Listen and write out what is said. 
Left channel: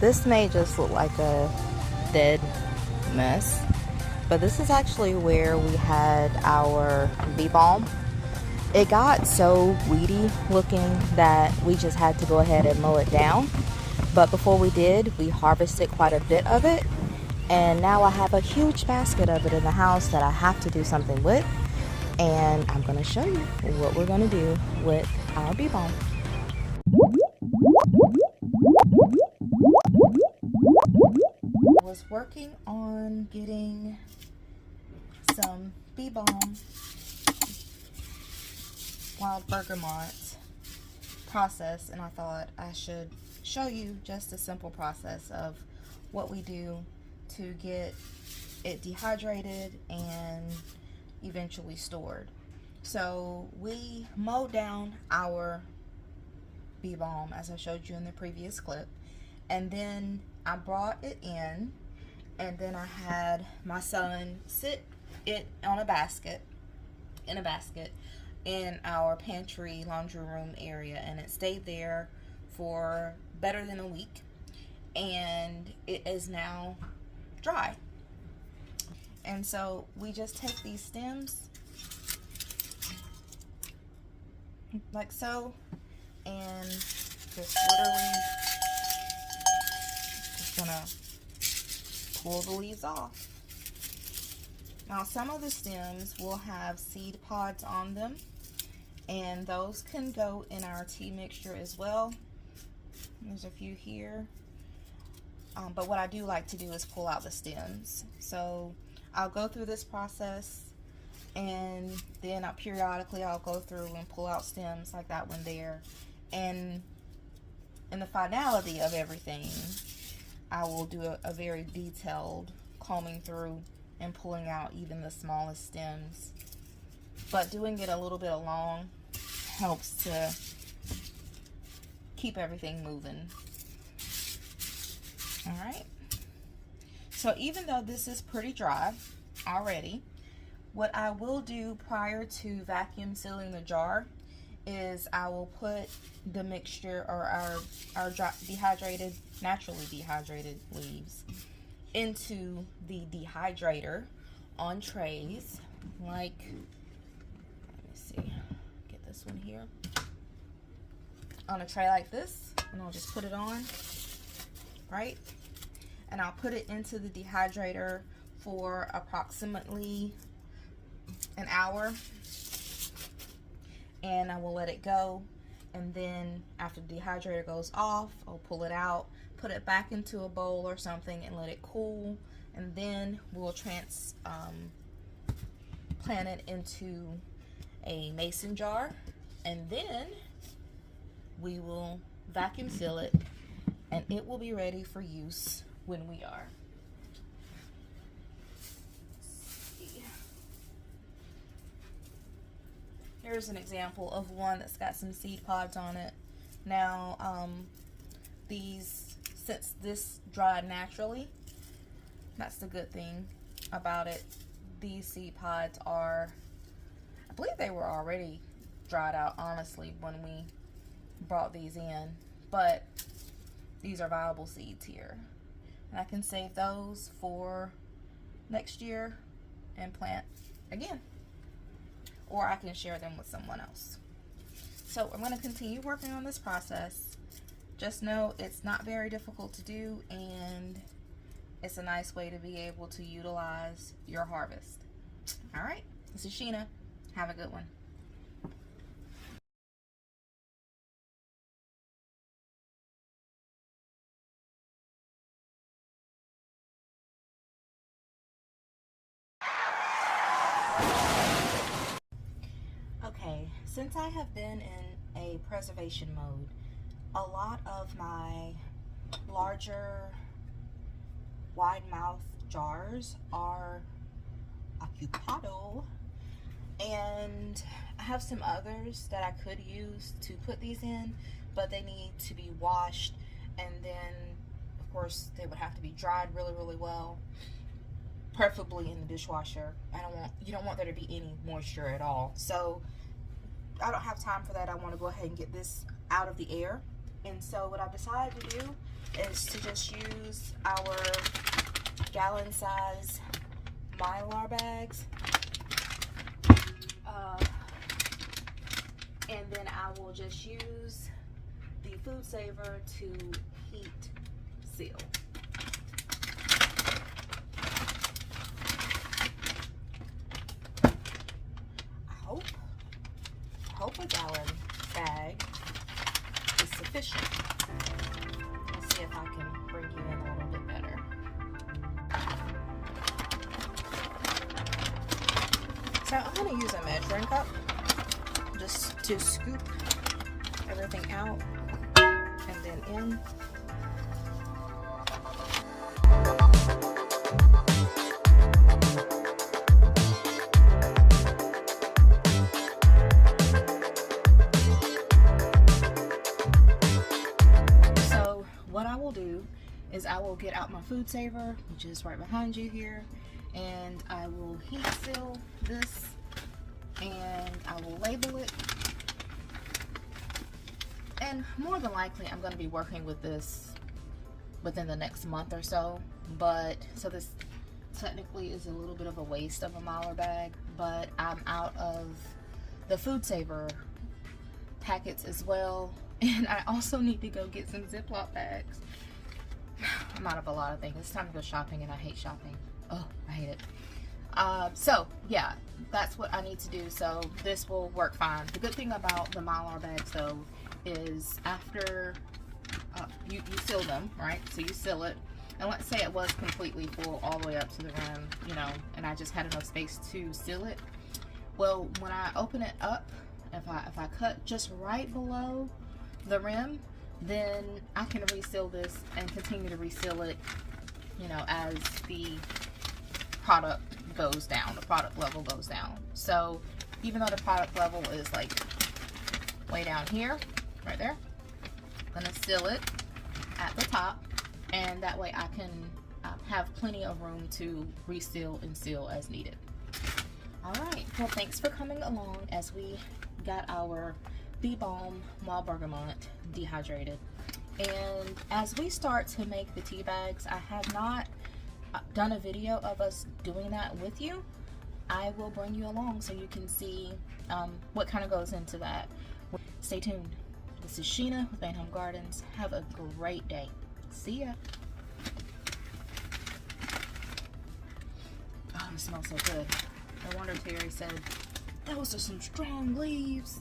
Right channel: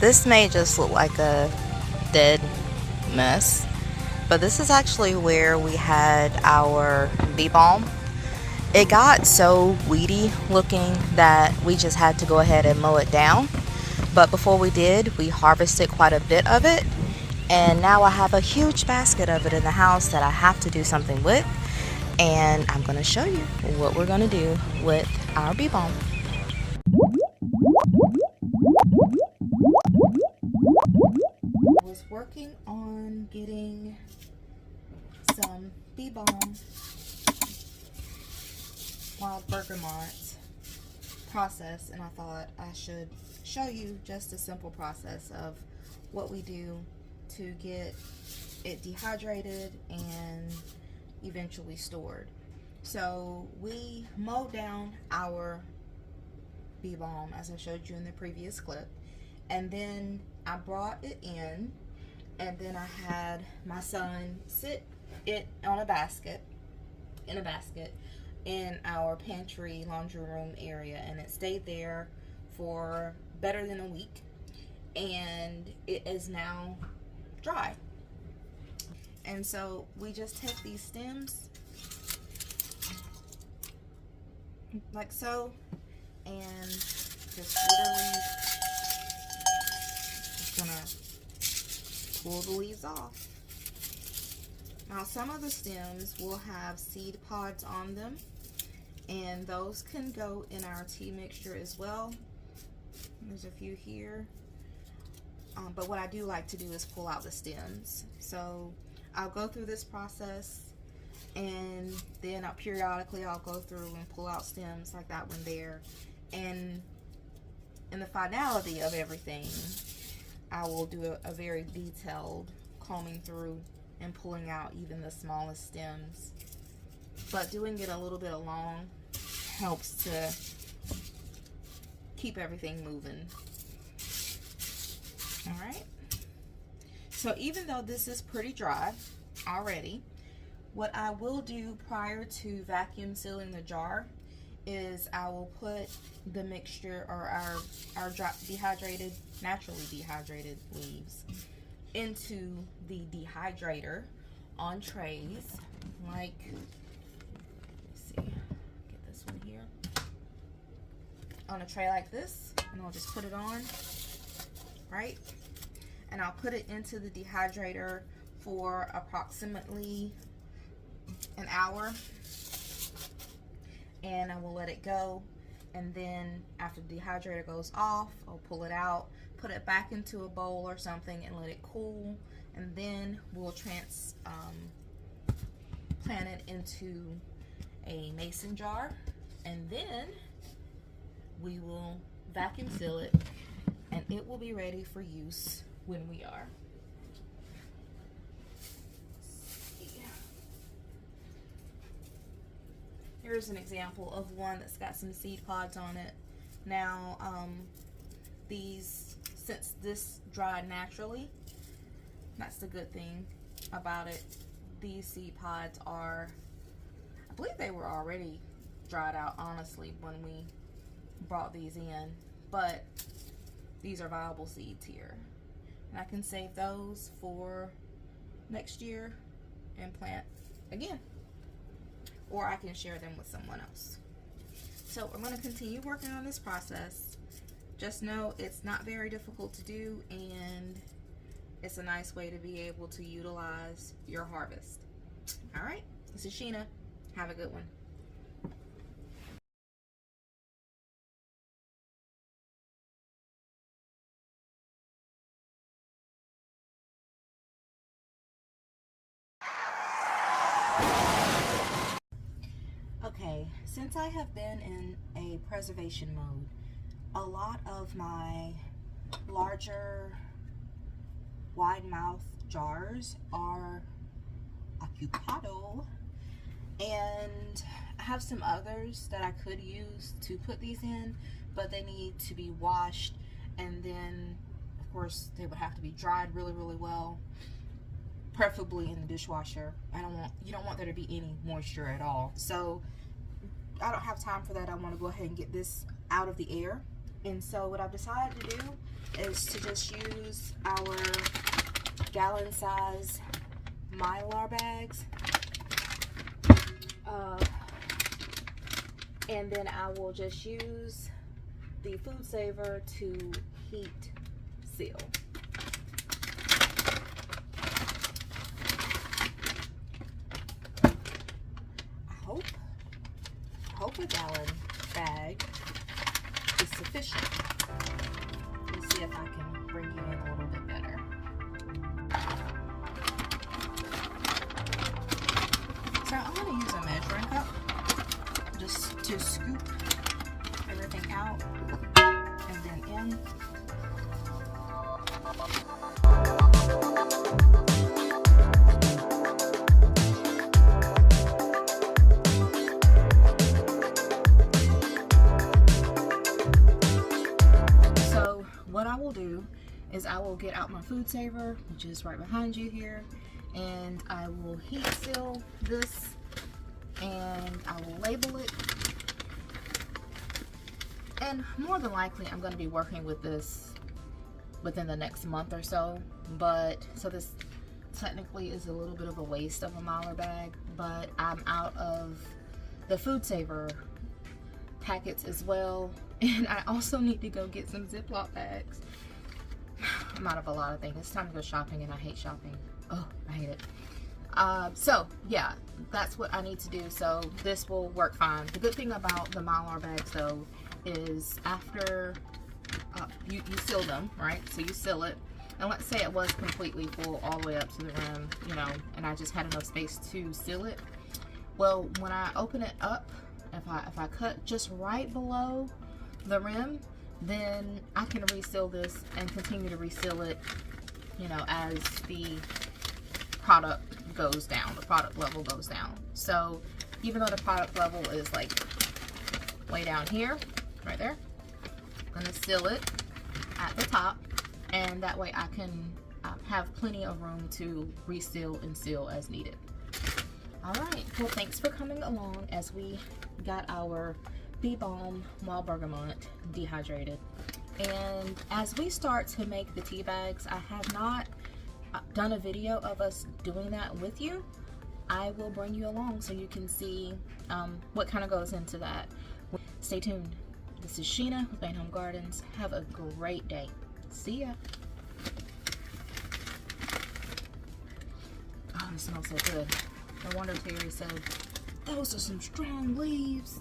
This may just look like a dead mess, but this is actually where we had our bee balm. It got so weedy looking that we just had to go ahead and mow it down. But before we did, we harvested quite a bit of it, and now I have a huge basket of it in the house that I have to do something with, and I'm going to show you what we're going to do with our bee balm. I was working on getting some bee balm wild bergamot process, and I thought I should show you just a simple process of what we do to get it dehydrated and eventually stored. So we mowed down our bee balm as I showed you in the previous clip, and then I brought it in, and then I had my son sit it on a basket, in our pantry laundry room area, and it stayed there for better than a week, and it is now dry. And so we just take these stems like so, and just literally just gonna pull the leaves off. Now some of the stems will have seed pods on them, and those can go in our tea mixture as well. There's a few here, but what I do like to do is pull out the stems. So I'll go through this process, and then periodically I'll go through and pull out stems like that one there, and in the finality of everything I will do a very detailed combing through and pulling out even the smallest stems. But doing it a little bit along helps to keep everything moving. Alright, so even though this is pretty dry already, what I will do prior to vacuum sealing the jar is I will put the mixture, or our dehydrated, naturally dehydrated leaves, into the dehydrator on trays, like, let's see, get this one here, on a tray like this, and I'll just put it on, right? And I'll put it into the dehydrator for approximately an hour, and I will let it go. And then after the dehydrator goes off, I'll pull it out, put it back into a bowl or something, and let it cool. And then we'll plant it into a mason jar, and then we will vacuum seal it, and it will be ready for use when we are. Here's an example of one that's got some seed pods on it. Now, since this dried naturally, that's the good thing about it. These seed pods are, I believe they were already dried out, honestly, when we brought these in, but these are viable seeds here. And I can save those for next year and plant again, or I can share them with someone else. So I'm going to continue working on this process. Just know it's not very difficult to do, and it's a nice way to be able to utilize your harvest. All right, this is Sheena. Have a good one. Okay, since I have been in a preservation mode, a lot of my larger wide mouth jars are occupado, and I have some others that I could use to put these in, but they need to be washed, and then of course they would have to be dried really well, preferably in the dishwasher. You don't want there to be any moisture at all. So I don't have time for that. I want to go ahead and get this out of the air. And so what I've decided to do is to just use our gallon size Mylar bags. And then I will just use the food saver to heat seal. I hope a gallon bag is sufficient. Let's see if I can bring you in a little bit better. So I'm going to use a measuring cup just to scoop everything out and then in. So what I will do is I will get out my food saver, which is right behind you here, and I will heat seal this, and I will label it. And more than likely I'm going to be working with this within the next month or so, but so this technically is a little bit of a waste of a Mylar bag, but I'm out of the food saver packets as well, and I also need to go get some Ziploc bags. I'm out of a lot of things. It's time to go shopping, and I hate shopping. Oh, I hate it. So yeah, that's what I need to do. So this will work fine. The good thing about the Mylar bags though is after you seal them, right? So you seal it, and let's say it was completely full all the way up to the rim, you know, and I just had enough space to seal it. Well, when I open it up, if I cut just right below the rim, then I can reseal this and continue to reseal it, you know, as the product goes down, the product level goes down. So even though the product level is like way down here, right there, I'm gonna seal it at the top, and that way I can have plenty of room to reseal and seal as needed. All right, well, thanks for coming along as we got our Bee Balm Wild Bergamot dehydrated. And as we start to make the tea bags, I have not done a video of us doing that with you. I will bring you along so you can see what kind of goes into that. Stay tuned. This is Sheena with Bain Home Gardens. Have a great day. See ya. Oh, it smells so good. No wonder Terry said, those are some strong leaves.